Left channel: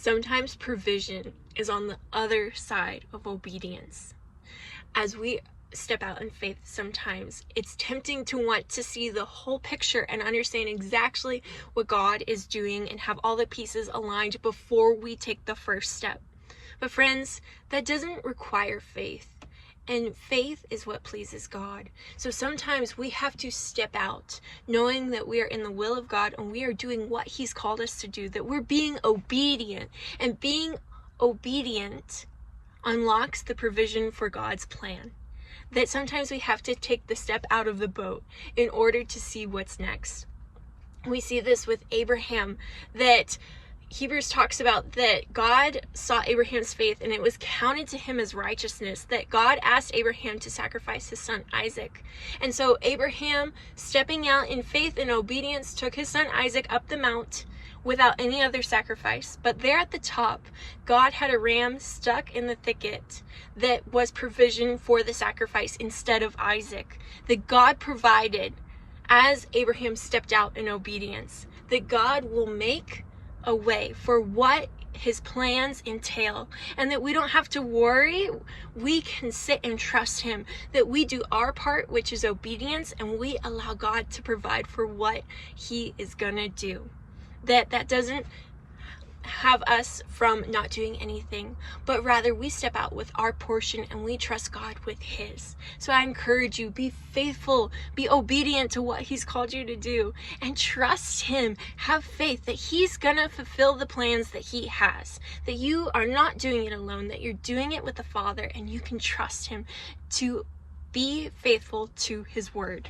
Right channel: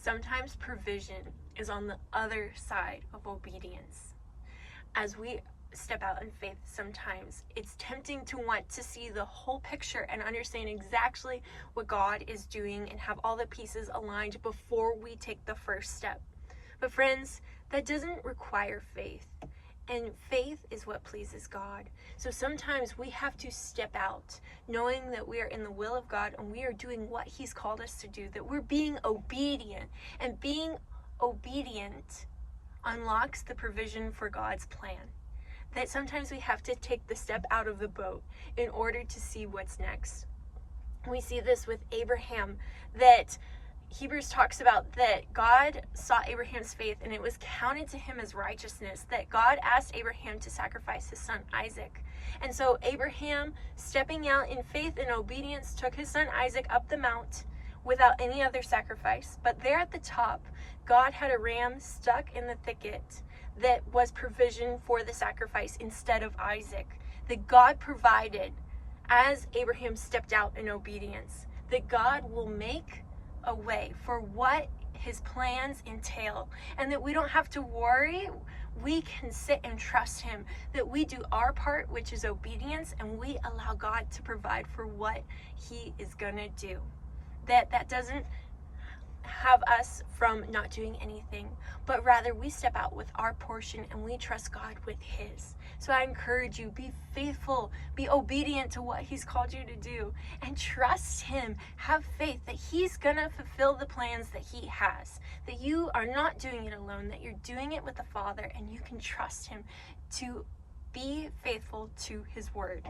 Sometimes provision is on the other side of obedience. As we step out in faith, sometimes it's tempting to want to see the whole picture and understand exactly what God is doing and have all the pieces aligned before we take the first step. But friends, that doesn't require faith. And faith is what pleases God. So sometimes we have to step out knowing that we are in the will of God and we are doing what He's called us to do, that we're being obedient. And being obedient unlocks the provision for God's plan. That sometimes we have to take the step out of the boat in order to see what's next. We see this with Abraham, that Hebrews talks about that God saw Abraham's faith and it was counted to him as righteousness, that God asked Abraham to sacrifice his son Isaac. And so Abraham, stepping out in faith and obedience, took his son Isaac up the mount without any other sacrifice. But there at the top, God had a ram stuck in the thicket that was provision for the sacrifice instead of Isaac, that God provided as Abraham stepped out in obedience, that God will make a way for what His plans entail, and that we don't have to worry. We can sit and trust Him, that we do our part, which is obedience, and we allow God to provide for what He is gonna do. That doesn't have us from not doing anything, but rather we step out with our portion and we trust God with His. So I encourage you, be faithful, be obedient to what He's called you to do, and trust Him. Have faith that He's gonna fulfill the plans that He has, that you are not doing it alone, that you're doing it with the Father, and you can trust Him to be faithful to His word.